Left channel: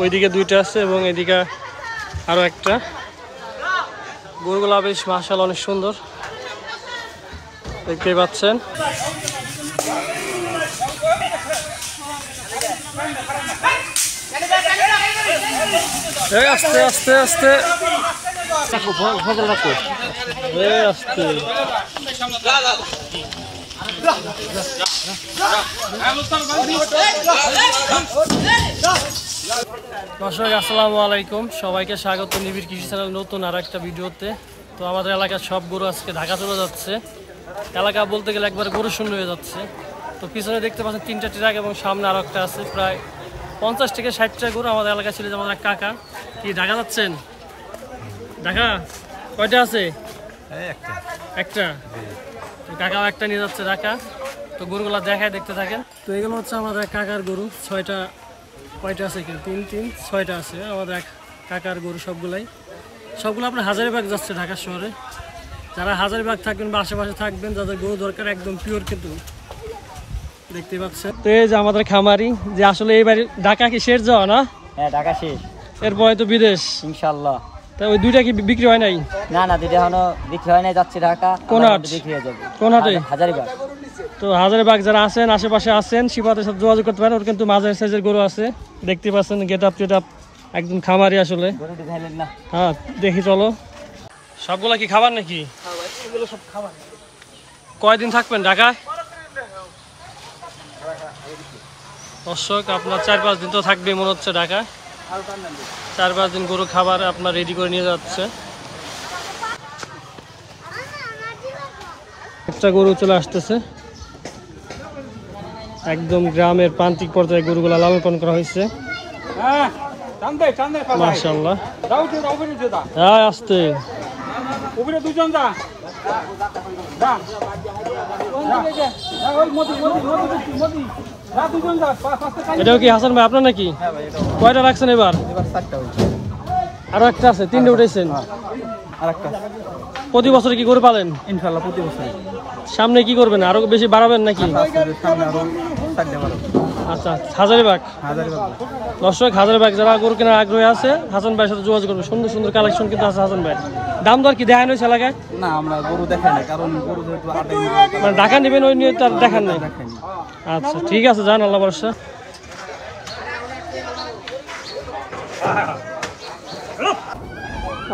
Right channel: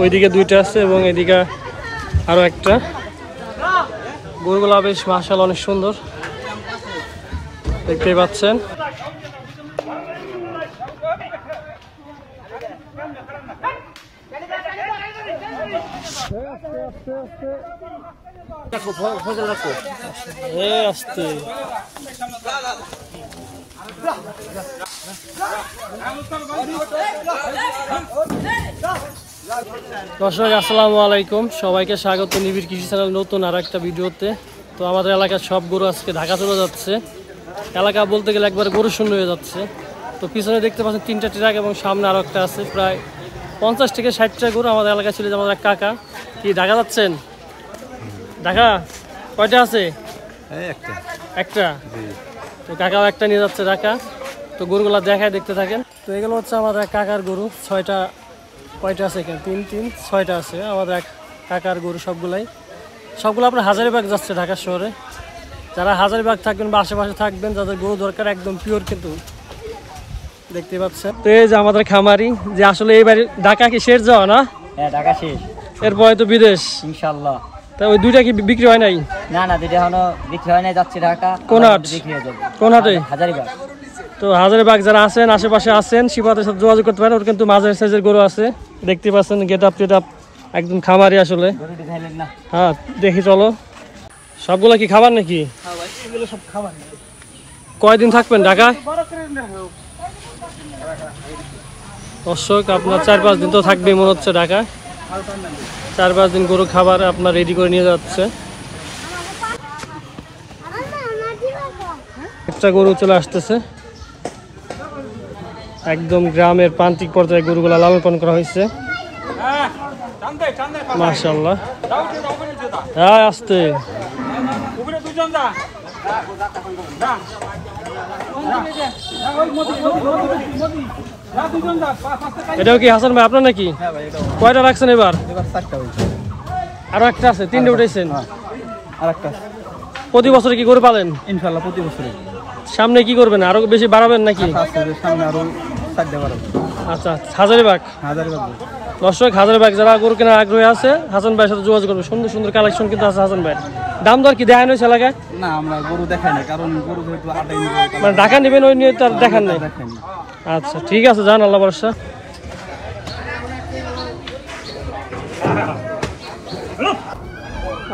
ওইদিকে দুইটা আছে এবং এদিকে আরো একটা। গরুগুলা বেশ মাশাআল্লাহ অনেক সুন্দর দেখতেই পাচ্ছেন। আস্তে আস্তে আস্তে আস্তে দর্শক আসসালামু আলাইকুম, সবাইকে স্বাগত নিবিড় কৃষি চ্যানেল নতুন আর একটা ভিডিওতে। তো আমাদের এলাকার সব গরু আজকে ঢাকা চলে যাচ্ছে। এলাকা বলতে গেলে একবার গরু শূন্য হয়ে যাচ্ছে। তো পিছনে দেখতে পাচ্ছেন 3টা ট্রাক এবং সামনে আরো একটা আছে। প্রায় 50 থেকে 60টা গরু আমাদের এলাকায় ছিল। আমাদের কাকা কি ঢাকা যাচ্ছেন? ঢাকা কয়টা আছে? একটা। তো কাকাও একটা নিয়ে যাচ্ছে ঢাকা। তো গরুগুলা দেখায় দেখতে থাকেন। তো এগুলো হচ্ছে আমাদের কাকার গরু। 6টা কয়টা আছে এখানে? 6টা আছে আমাদের কাকার গরু। সবগুলো আপনার হাজারীবাগ যাচ্ছে ঢাকা শহরে। যারা হাজারীবাগ থাকবেন বা আশেপাশে থাকবেন, যাদের গরু দরকার একদম পিওর কিন্তু দেখতে পাচ্ছেন। তো এই যে আমাদের খামারি, যে আসলে এইবার ঢাকা কি শেষ যাওয়া না? হ্যাঁ ঢাকা শেষ, এরপরে তো বিদেশ ইনশাআল্লাহ। তা ওই দুইটা কি বিক্রি হয় নাই? না না, দুইটা এখনো বিক্রি হয় নাই, যাচ্ছে ঢাকা। কোন হাট? বিক্রি হয়ে যাবে। কোন হাটে? হাজারীবাগ। তো হাজারীবাগ যারা আছেন আশেপাশে আছেন, শিবাদের সাথে যোগাযোগ করতে পারেন। ওর কিন্তু মাঝের সাইজের গরু আছে, দেখতে পাচ্ছেন। গেট আপ একদম খামারি আসলে। হ্যাঁ দেখি চলো। সবগুলা কি খাবার নাকি? কয়দিন থাকবেন ঢাকায়? দর্শক আপনার 4-5 দিন তো থাকবে মনে হচ্ছে ঢাকায়। 4-5 দিন গরু খাবার আপনার রেডি করে নিয়ে যাচ্ছে। একটা গরু চলে আসতেছে। একদম গ্রামের প্রান্তিক পর্যায়ে গরুগুলা লালন পালন করা হয়েছে মাশাআল্লাহ। হ্যাঁ আসতে এটাও কি হাসান ভাই আপনার নাকি? কয়টা রাখছেন এবার? আরো একটা আছে, 3টে উঠেছেন। প্রতি বছরে কি গরু পালেন? ইনশাআল্লাহ প্রতি বছরই। সামনে কি করবেন? আরো বেশি বাড়াবেন নাকি? সামনে আরো 4টে বাড়াবো। আচ্ছা হাজারীবাগ। দর্শক হাজারীবাগ যারা গরু কেনার আগ্রহী আছে হাসান ভাইয়ের সাথে যোগাযোগ করবে। সুন্দর সুন্দর কালেকশন কিন্তু আছে হাসান ভাই। দাম দর কি দেখানো হয়েছে এলাকায়? না আমরা গরু দেখাই না, কারণ গরু যেহেতু মানে ঢাকা নেবেন ওই নিয়ে তার দেখান নাই। আচ্ছা ঠিক আছে, যান, আল্লাহ ভরসা।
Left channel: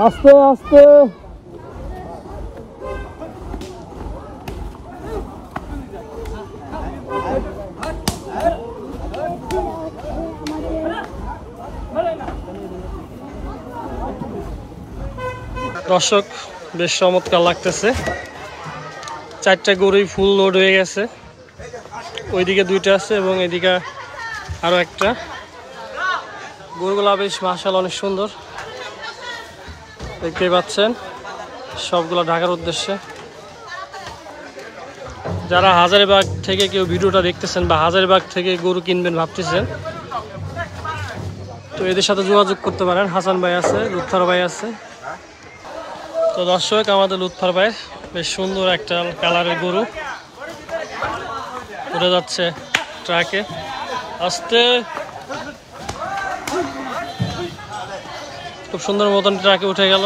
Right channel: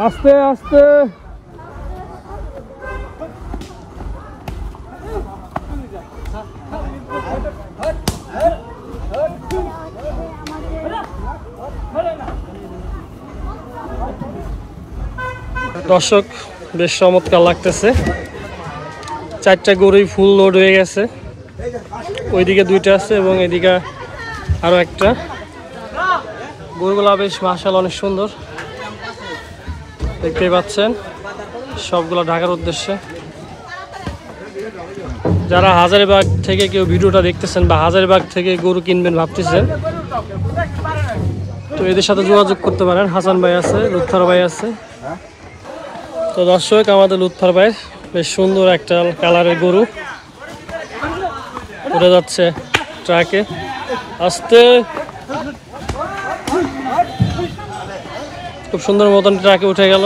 আস্তে আস্তে দর্শক বেশ চমৎকার লাগতেছে। 4টা গরুই ফুল লোড হয়ে গেছে। ওইদিকে 2টা আছে এবং এদিকে আরো একটা। গরুগুলা বেশ মাশাআল্লাহ অনেক সুন্দর দেখতেই পাচ্ছেন। সবগুলো ঢাকার উদ্দেশ্যে। যারা হাজারীবাগ থেকে কেউ ভিডিওটা দেখতেছেন বা হাজারীবাগ থেকে গরু কিনবেন ভাবতেছেন, তো এদের সাথে যোগাযোগ করতে পারেন। হাসান ভাই আছে, লুৎফর ভাই আছে। তো দর্শক আমাদের লুৎফর ভাই বেশ সুন্দর একটা কালারের গরু উঠে যাচ্ছে ট্রাকে। আস্তে খুব সুন্দর মতন ট্রাকে উঠে গেল।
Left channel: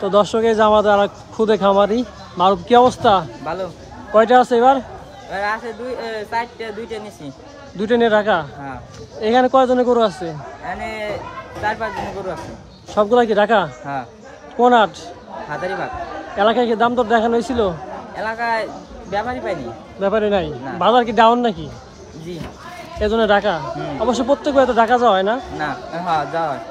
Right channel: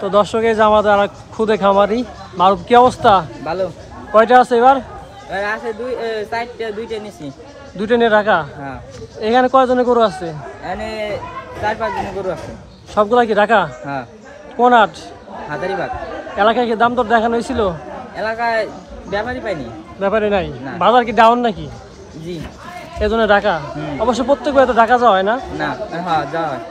তো দর্শক এই যে আমাদের আর খুদে খামারি মারুফ, কি অবস্থা? ভালো। কয়টা আছে এবার? আছে 2টা নিছি। 2টা নিয়ে ঢাকা? হ্যাঁ। এখানে কয়জনের গরু আছে? এখানে 4-5 জনের গরু আছে। সবগুলা কি ঢাকা? হ্যাঁ। কোন হাট? হাজারীবাগ। এলাকায় কি দাম দর দেখানো হয়েছিল? এলাকায় ব্যাপারই পাইনি। ব্যাপারে নাই? বাজার কি ডাউন নাকি? জি এজন্য ঢাকা। অবশ্য প্রত্যেকবার তো ঢাকা যাওয়া হয় না? না, হ্যাঁ যাওয়া হয়।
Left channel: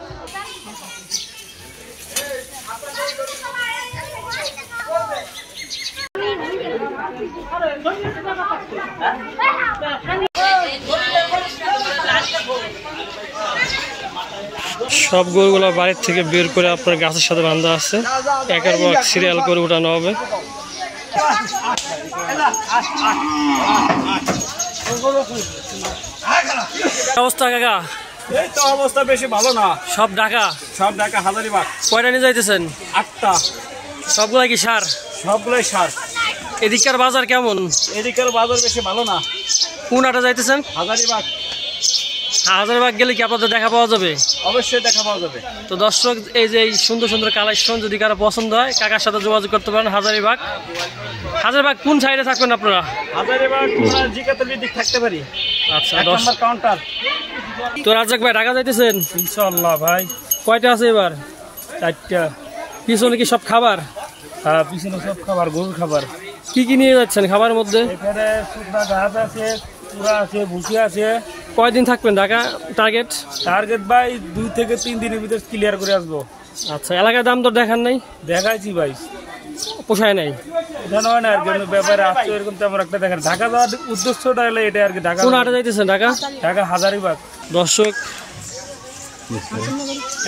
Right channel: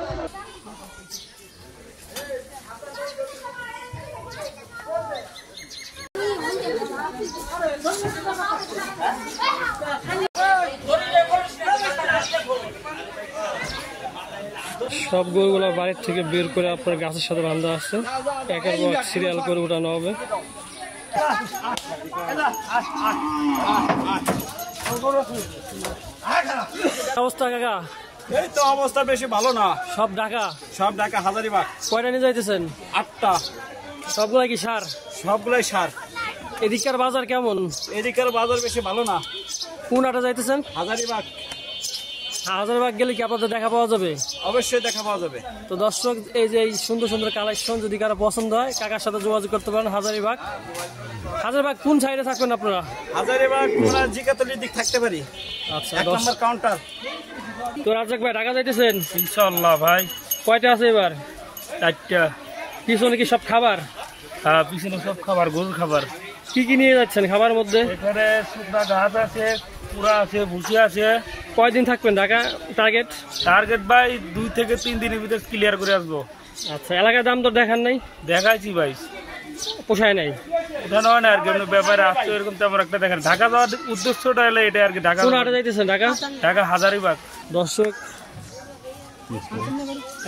সব গরুগুলো বাড়ির থেকে বের করে আপনার গাছের সাথে বাঁধা আছে। একের পর সিরিয়াল করে উঠানো হবে। অবস্থা কাকা? এই তো অবস্থা বেশি ভালো না। সব ঢাকা? সব ঢাকা হাজারীবাগ। কয়টা নিয়ে যাইতেছেন? 8টা। সবগুলাই কি সার? সবগুলাই সার। এদিককার বাজার কেমন? এদিকের বাজার বেশি ভালো না। কোন হাটে যাইতেছেন? হাজারীবাগ। হাজারবাগ গেলে কি আপনাদের দেখা পাওয়া যাবে? অবশ্যই দেখা পাওয়া যাবে। তো দর্শক, এই যে এই সুন্দর সুন্দর কালেকশন যদি কারো পছন্দ হয় কাকার সাথে যোগাযোগ করতে পারেন। হাজারবাগ কোন সাইডে থাকবেন আপনারা? হাজারিবাগ তোমার জিকাতলির দিক থাকতে পারি। আচ্ছা, 1 নম্বর কাউন্টার। তো রাজ্জাক ভাই ঢাকা যাইতেছেন? ইনশাআল্লাহ ভাই। কয়টা আছে এবার? 4টা। পিছনে কি সব খাবার? হ্যাঁ, পিছনে সব খাবার, গরুর খাবার। কি কি নিয়ে যাচ্ছেন খাবারের মধ্যে? এখানে শুকনা ঘাস আছে, পুরা আছে, ভুসি আছে। কয়দিন থাকবেন ঢাকা টার্গেট? টার্গেট ভাই 2 থেকে 3 দিনের ভিতরে ক্লিয়ার করে আসবো। আচ্ছা, এলাকার দাম তো দেখান নাই? দেখাইছি ভাই, পোষায় নাই? ওখানে হয় না আর কি, এমনি ব্যাপারে আসছে এরকম তেমন একটা দেখেন। ঢাকা যাওয়ার উদ্দেশ্যটা হলো এটা আর কি। ঢাকা কোন হাটে যাইতেছেন ঢাকা? ঢাকা হাজারিবাগ। দর্শক,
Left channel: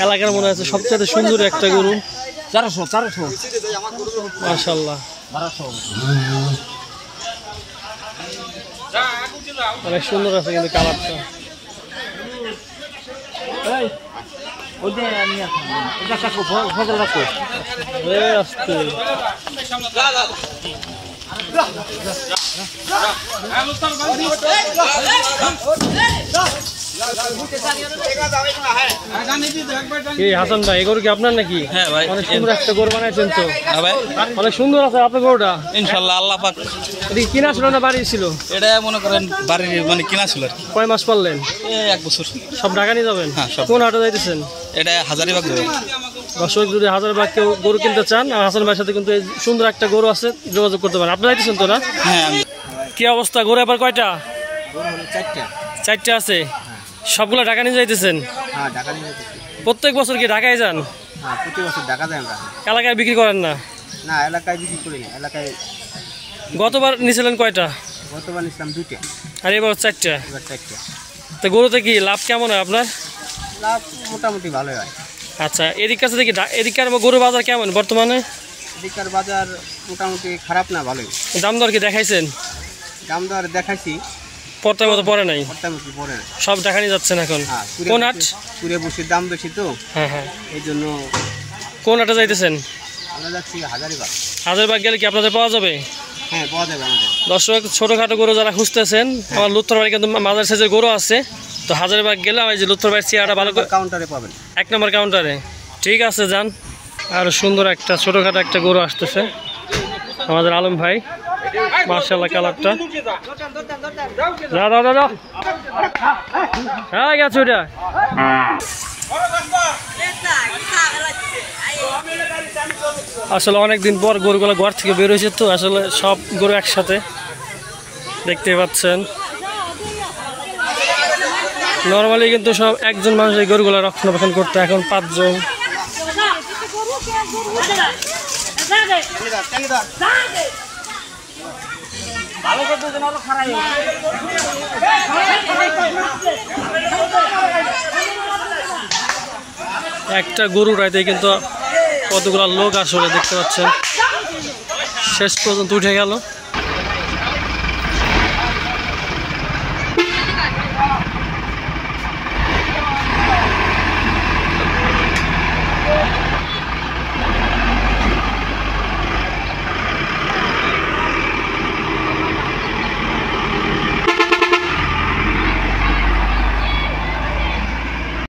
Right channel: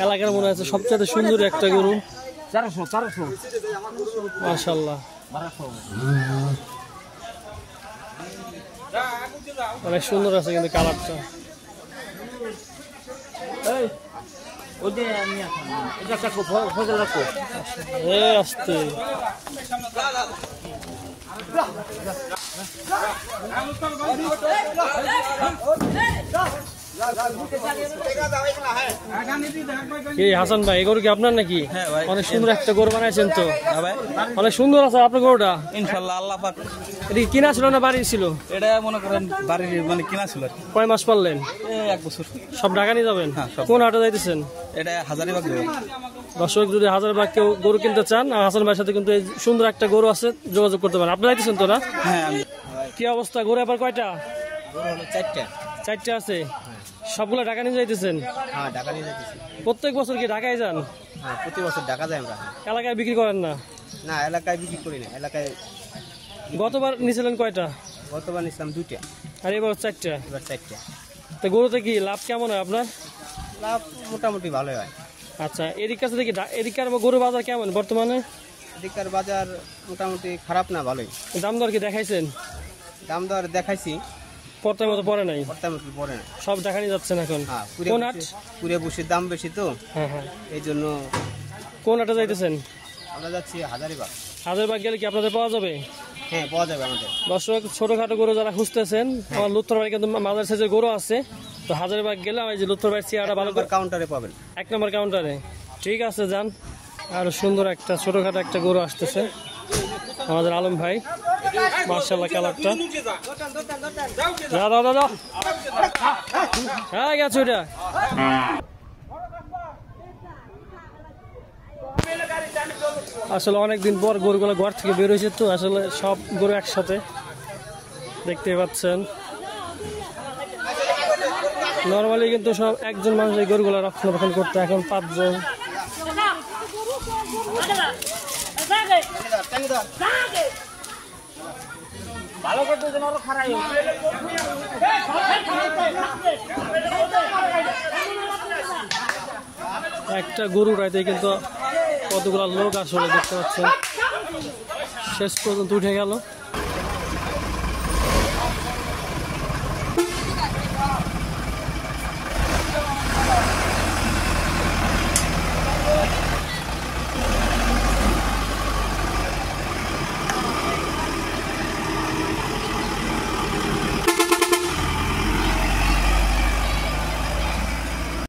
এলাকার মনে হচ্ছে সবচেয়ে সুন্দর একটা গরু। 400 মাশাআল্লাহ, 1200। অনেক সুন্দর আছে কিন্তু কালারটা। ওদের নিয়ে আসেন, এটা কাকু ফজল রাখো। আস্তে হাসান ভাই, এগুলো কি আপনার নাকি? হ্যাঁ ভাই, অনেক সুন্দর একটা গরু বানাইছেন তো। হ্যাঁ ভাই, অনেক সুন্দর আছে আপনার গরুটা। ইনশাল্লাহ আল্লাহ পাক। এদিকে কিনা ছিল না বাড়ি ছিল? এটা মনে করেন বাড়ির মানে কিনা ছিল আর কি। কয় মাস পারলেন? 1 বছর। সব ঢাকা নিয়ে যাবেন? হ্যাঁ, সব। কোন হাটে যাইতেছেন? এটা হাজারিবাগ যাবে। দর্শক, যদি হাজারবাগ কেউ গরু কিনতে চান, আর হাসান ভাইয়ের সাথে কিন্তু এই সুন্দর একটা গরু আছে, যোগাযোগ করতে পারেন। আপনারা যাইতেছেন তো না? হ্যাঁ, আমি কি অবস্থা, গরু এবার কয়টা? 4টা। 4টা আছে। সবগুলো ঢাকা নিয়ে যাইতেছেন? হ্যাঁ, ঢাকা নিয়ে প্রত্যেক বছর কি ঢাকায় যান? হ্যাঁ, প্রতি বছর ঢাকা যায় আমরা। এলাকায় বিক্রি করেন না? না, এলাকায় বিক্রি করি না। এলাকায় গতবার নিয়েছিলেন কয়টা? গতবার নিয়েছিলাম 2টা, আর এবার 4টা। এবার 4টা। তো গরুতে কি লাভ কেমন হয় আপনার? লাভ মোটামুটি ভালোই হয়। আচ্ছা, এদিক কাছে দেখি এদিককার গরু বাজার কেমন বর্তমানে? এদিককার বাজার মোটামুটি খারাপ না, ভালোই। দাম দর কি দেখাইছেন? দাম দর দেখাইছি, পড়তার মতো পড়ে নাই? মোটামুটি পড়ে না। সব ঢাকা নিয়ে যাচ্ছেন এখন? হ্যাঁ, কোন হাট? পুরে বসির দাম বেশি তো, হ্যাঁ হ্যাঁ। এই জন্য কোন হাটে যাইতেছেন? আমরা যাচ্ছি হাজারিবাগ। হাজারবাগ গেলে কি আপনাদের পাওয়া যাবে? হ্যাঁ, পাওয়া যাবে আমাদের। দর্শক, ছোটোখাটো গরু যারা খুঁজতেছেন, আমার লুত্থর বাড়ি কিন্তু মাঝার সাইজের গরু আছে। তো হাজারবাগ গেলে ওই যে লুত্থর বাড়ির চেয়ারটা ভালো করে কাউন্টারে পাবেন। 1 নম্বর কাউন্টারে। ঠিক আছে, যান। আর সুন্দর একটা ছোটোখাটো একটা গরু আসতেছে আমাদের আলম ভাই। মার্শাল্লাহ, কালারটা দাদা হ্যাঁ গেছে ওইটা। আসলে অনেকদিন পর গরুগুলো ঘর থেকে বের হয়েছে, তো আসলে সব গরু একসাথে দেখতে পাচ্ছেন। নর্মালি কিন্তু সব একজন মানুষ এই গরুগুলো রক্ষণাবেক্ষণ করতে, এখন 5 জন। একটা গরু রাইতে কিন্তু কতগুলো লোক আসলে দেখতে পাচ্ছেন, শেষ পর্যন্ত উঠে গেল।